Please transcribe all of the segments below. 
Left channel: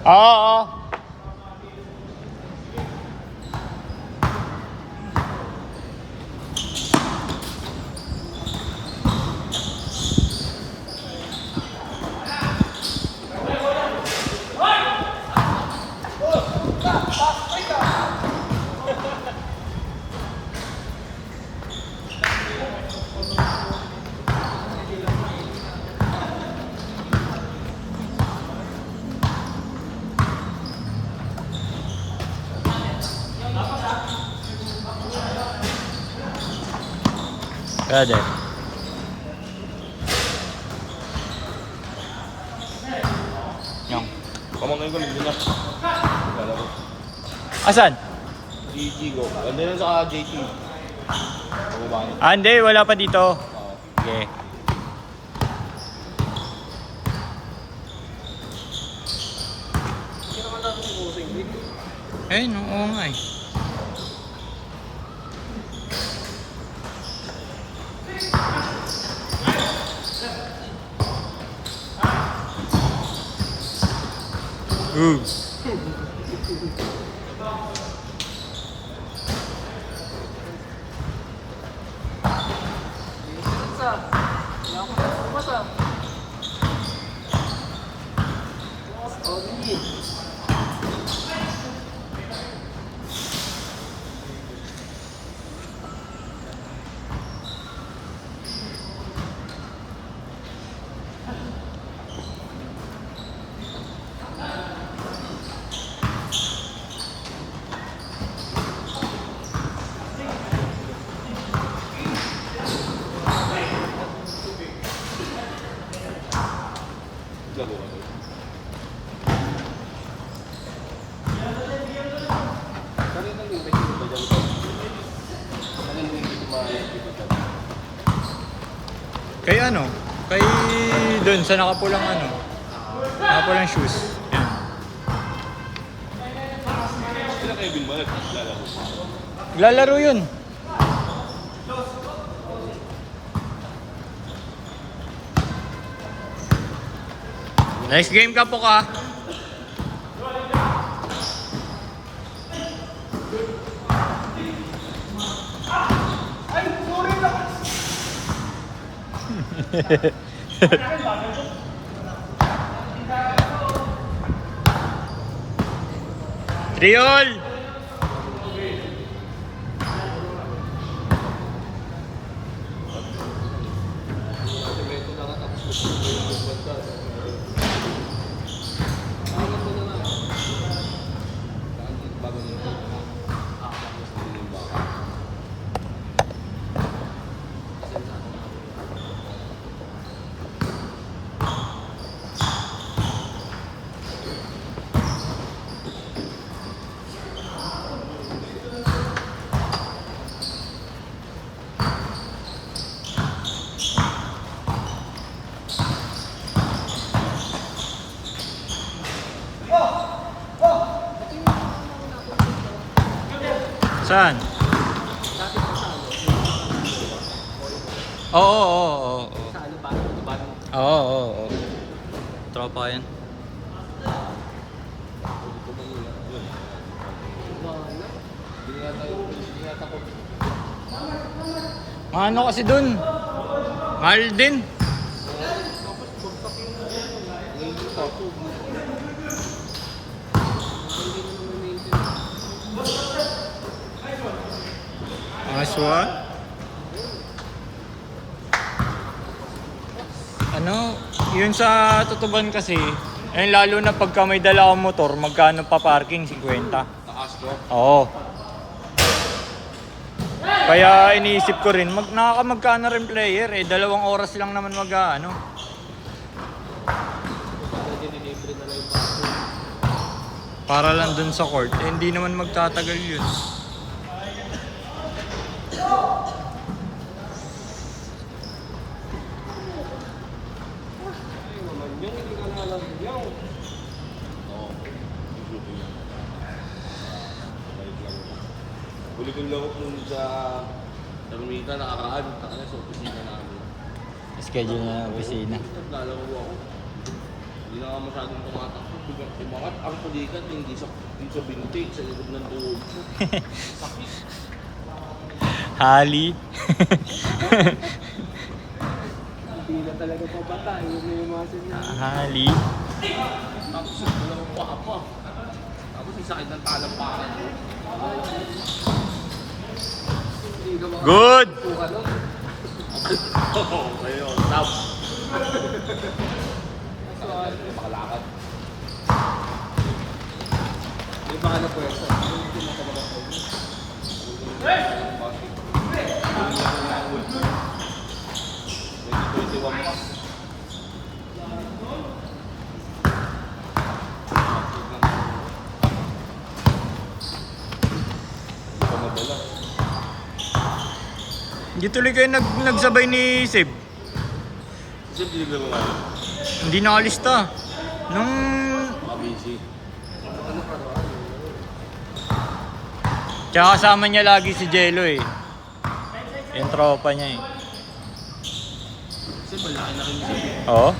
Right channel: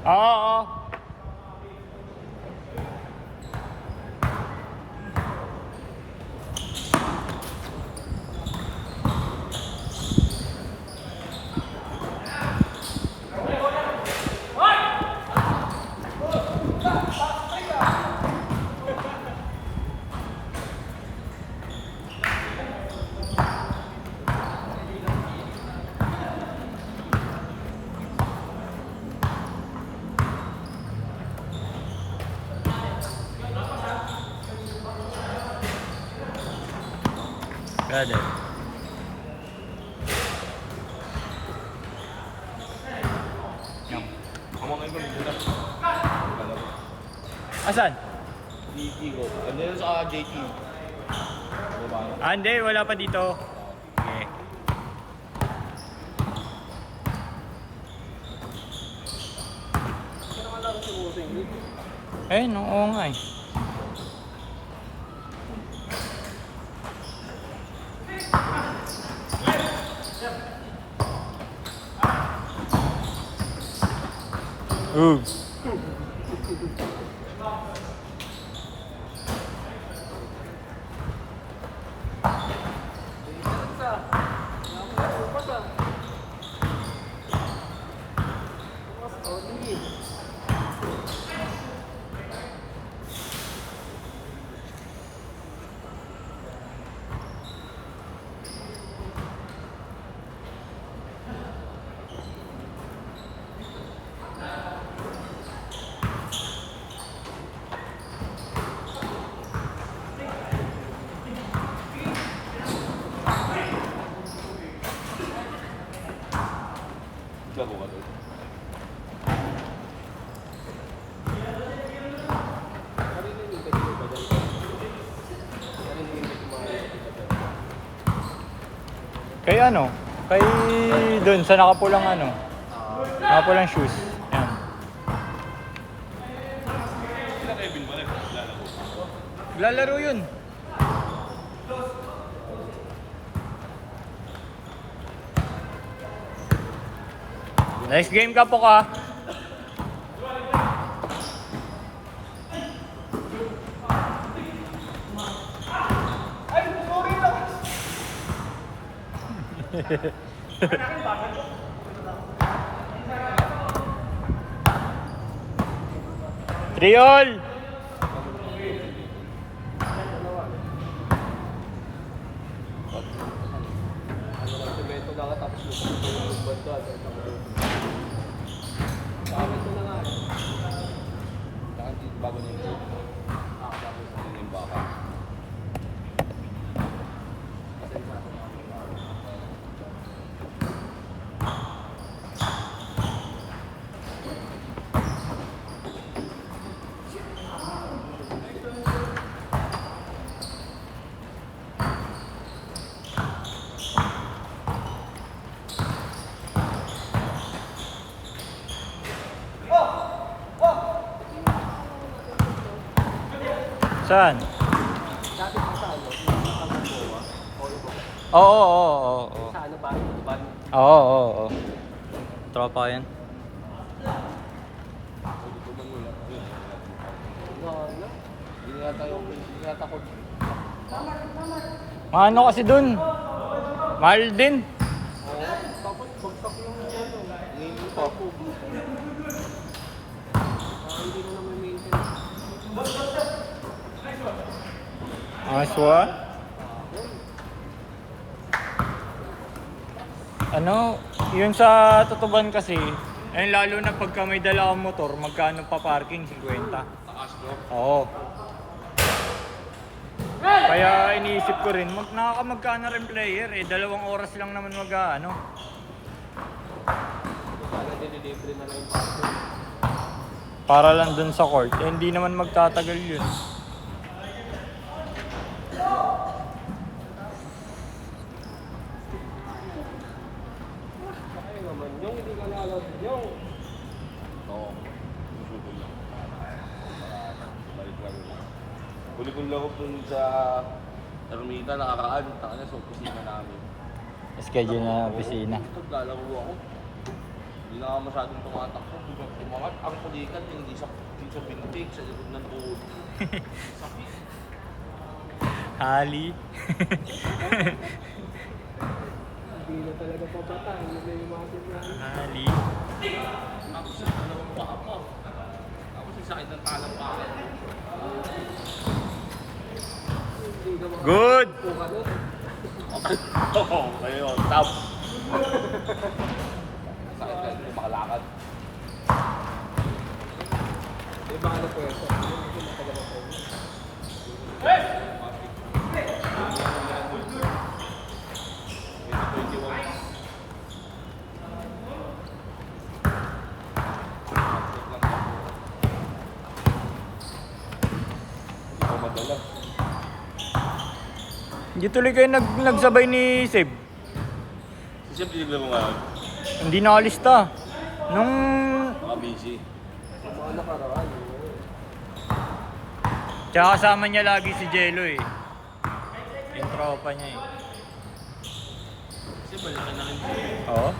Oo. Pwede. Yung. Pamanay ko, hindi na. Lalaro. Asan? GG ko. Ganda yun sa JT. Hindi. Wala pa dito. Okay. Hindi naman natin si Bossing League. Oo nga eh. Ooh. Kay ano? Kay dun sa nakapulang ano? Nakapulang shoes. Ayan. Sila kayo Bilmanet, lalaro pa. Lalaro yun. Next game ka po ka. Triol! Semento na nga tapos yung banda. Ang ganda na nga eh. Bago nila. Bago sa nila. Saan? Oo. Sa ano ba? Ano ba? Oo. Tropa yan. Wala. Ano kasi dun? Mahal din. Tapos bagtak yung ngayon sa tubo. Hindi na naman maintenance. Aswa? Ano? Yun sa tutuban kasi, lalo na pagka may dala kang motor, magkano pa parking? 50. Nakastro. Oo. Kaya iniisip ko rin, nakaka-magkano rin player 2 oras lang naman ano. Pagka dinilibre na lang yung parking. Para lang dun sa court, hindi naman magtatagal yun. Ay naman, yung hindi ka lalaro yung. Huli ko lang ako sa Terminal nakakaan. Takanya sa opisina namin. Schedule na opisina. Lalaro ako. Hindi na ako masyadong tumatakbo. Umangat ang pulikat hindi sa binti, sa likod ng tuhod ko. Sakit. Hali. Hindi na talaga papatay. Yung may muscle niya. Hali. Tapos yung dalawang paa pa. Tapos yung sakit ng talampakan. Hindi ka makakapag Good! ka nun. Ayun ako, tap. Makalakad. Yung mga na-pwes. Hindi tuloy kayo nagsabay ni Seb. Siyempre, bigla mo nga. Hindi nakalista. Nung... Busy. Ano ka raw? Tsaka kasama niya lagi si Jello eh. Yung tropa niya eh. Kasi malaki na rin siya. Oo?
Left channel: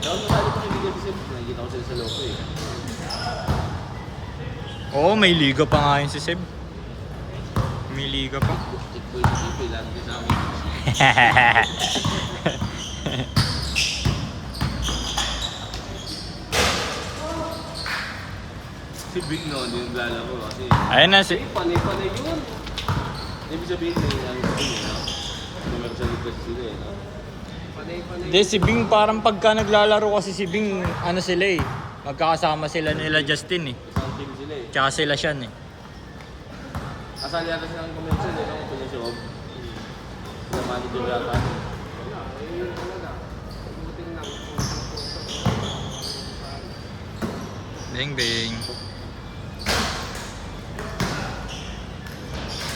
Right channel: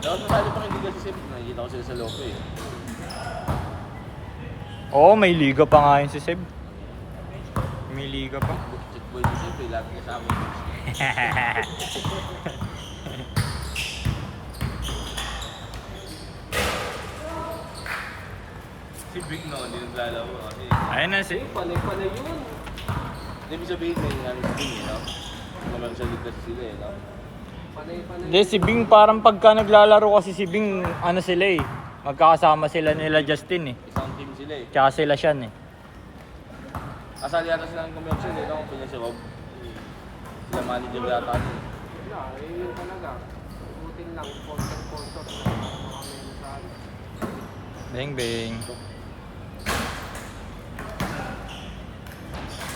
Dahil paano pa kaibigan si Siyempre, nakikita ko sa loko eh. Oo, may liga pa nga yun si Seb. May liga pa. Checkpoint si Siyempre, lagi ka sa amin. Si Big no, hindi naglalaro kasi. Ayun na si... Panay-panay yun. Hindi mo sabihin na dimension kasi sila eh. Panay-panay. Hindi, si Bing parang pagka naglalaro kasi si Bing, ano sila eh. Magkakasama sila nila Justin eh. Isang team sila eh. Tsaka sila Sean eh. Kasali yata silang dimension eh. Kung dimension of. Ano din yata. Wala, yun talaga. Buting lang. Kontak-kontak. Bing bing.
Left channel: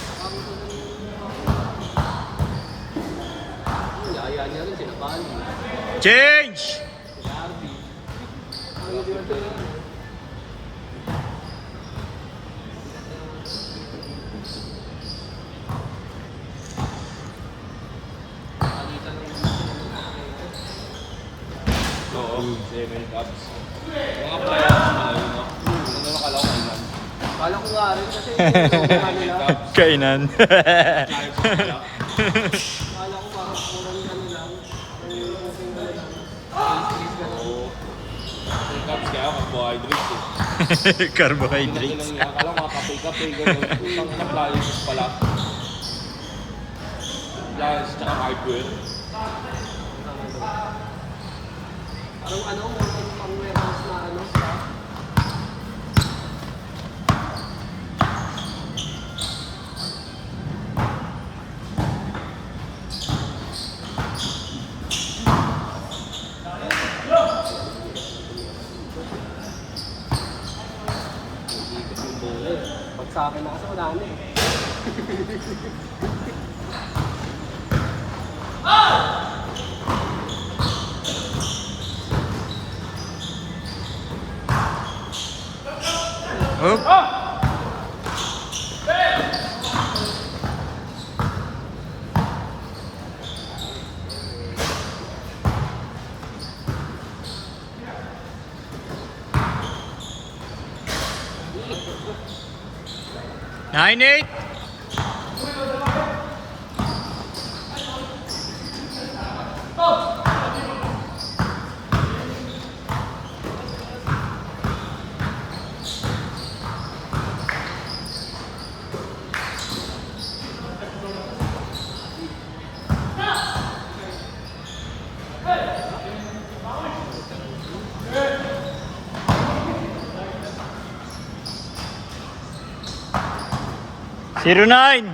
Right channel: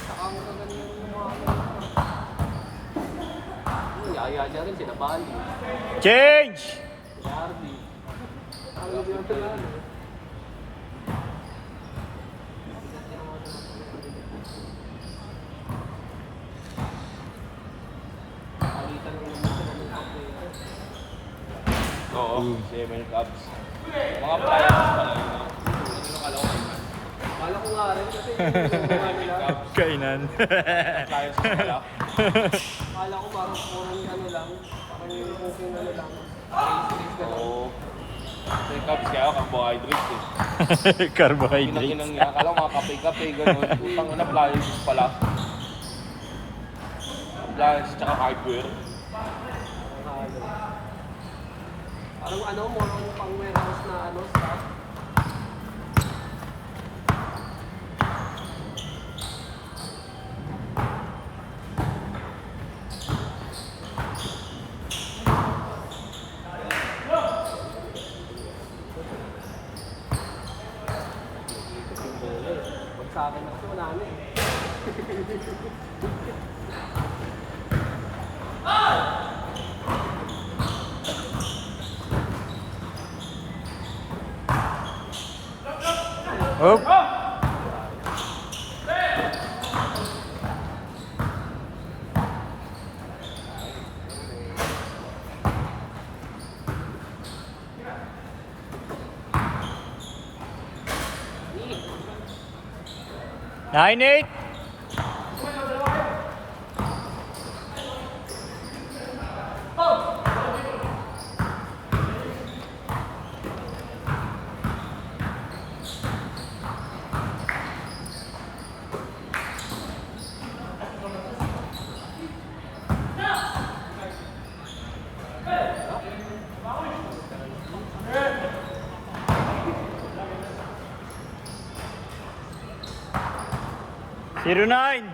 Saka ang magaling yung mga yaya niya rin, sila Bali. Change! Sila Arby. Ang hindi mo ito lang. Palitan lang naman sila ng pakreto. Oo. Kasi may cups. Mga players pala yun no? Hindi mo akala ko alam. Kala ko nga rin kasi yung nga nila. Kainan. Players pala. Kala ko parang kurang ano lang. Parang yung kusing ano lang. Race gano'n. May cups kaya carbohydrates eh. Carbohydrates. Akala ko mga kape-kape. Ganun. Utang na players pala. Players tsaka hardware. Parang ano, more on pang warehouse na ano, staff. Pag sa akin na kasi wala na eh. Hop. Nine eight. Zero nine.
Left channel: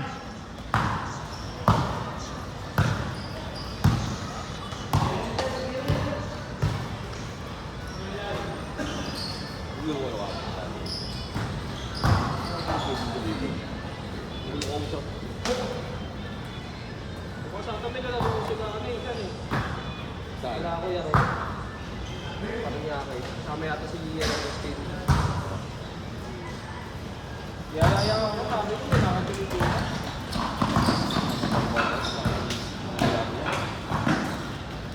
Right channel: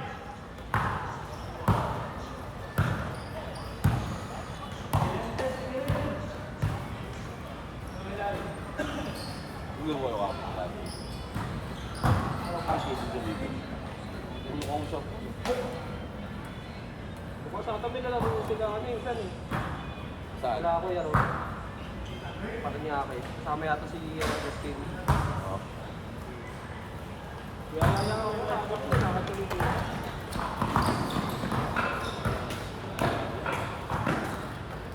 Kung sa tabi na lang sila ano eh, saan eh. Sila ako yaro. Parang niya kay. Kasama yata si Lian at Christine. Yaya ako sabi ko, nakatuloy ko.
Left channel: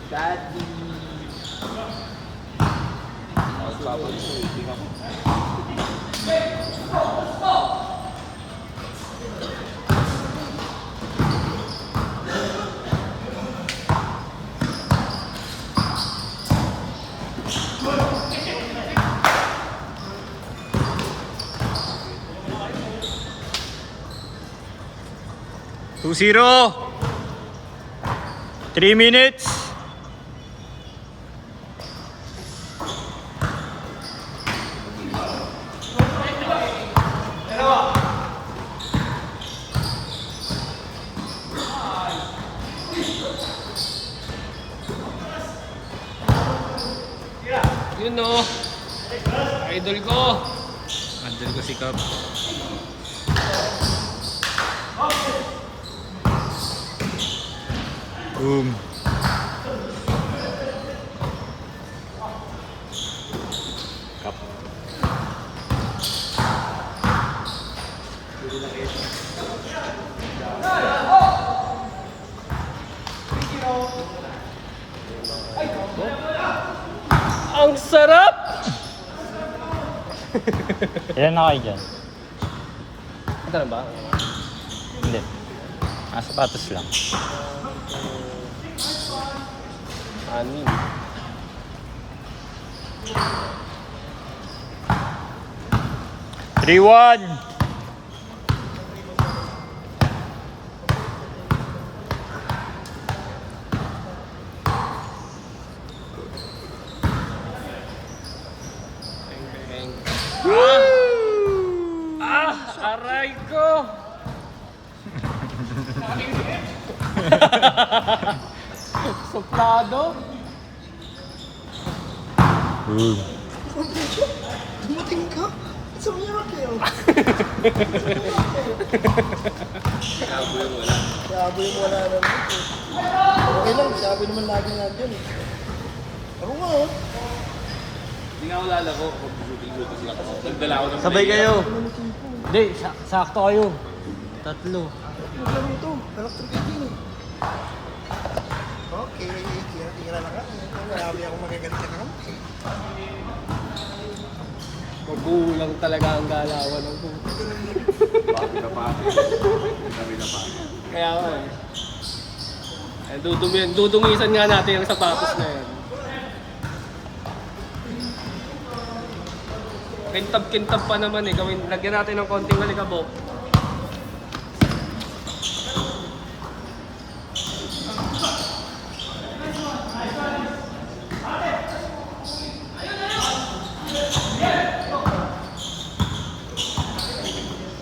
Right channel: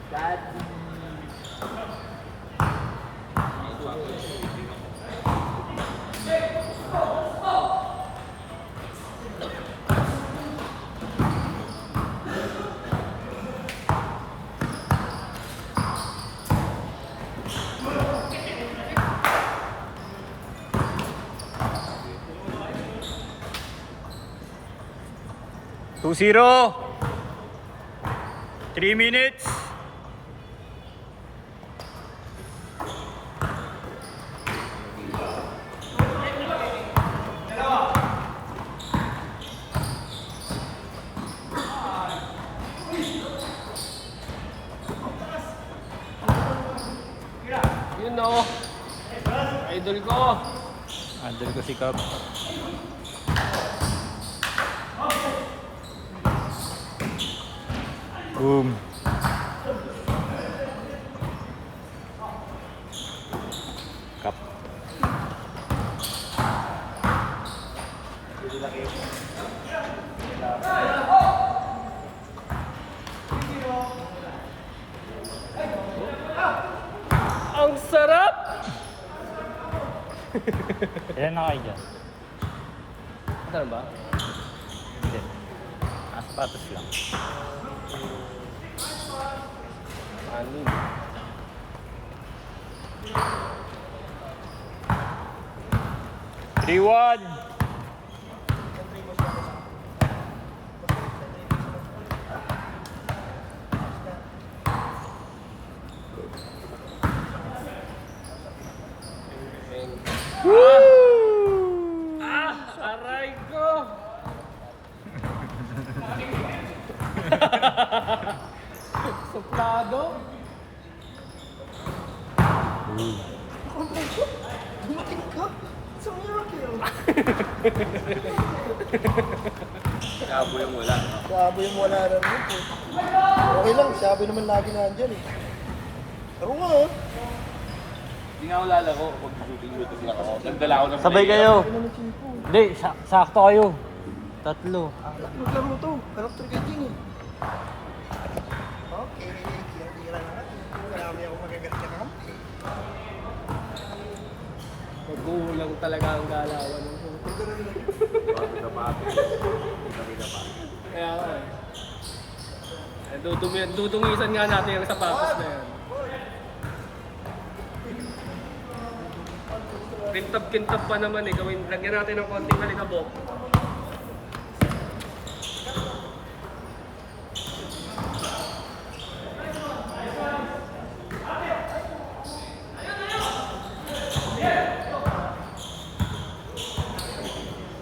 Daddy. 2-0. 3 minutes. Yun no. Idol ko. Andal ko si Cap. Boom. Cap. Ang sarap! Ilan na kayo dyan? Ito na ba? Hindi. Sapatos lang. Anin. Rewan. Peng. Aray ko! Soplado? Dumating ka? It's a miracle. Sabi yung wala rin dito. Okay lang, sabi naman lagi nandyan eh. Ako nga oh. Hindi nga ako lalaro. Shooting lang ako. Nagdala ako ng Sabay play. kayo. Hindi, sakto kayo. Tatlo. Ano ito? Character gating eh. Okay, tira-tira lang ako. Marami ako magagaling ka naman. Magulang talaga ang galawan ng buhay. Pati na pati. Sabi na pati. Kaya ako eh. Dudungisan nga natin ang sapatos na yan. Kintab-kintab pa naman eh. Lagyan natin ng konting alikabok.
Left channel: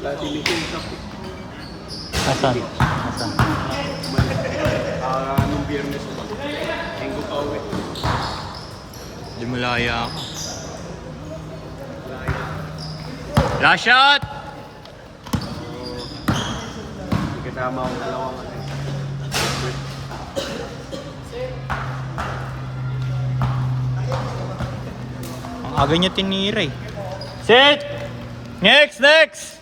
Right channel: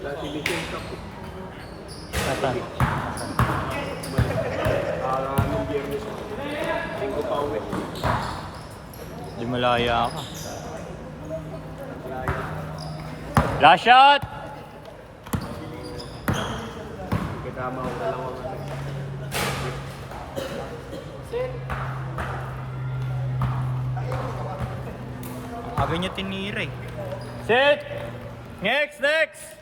Lati may kintab. Asan? Nung biyernes ko. Linggo pa uwi. Di malaya ka. Laya. Last shot! Hindi kasama ako dalawang ano. Aga niya tinira eh. Sit! Next!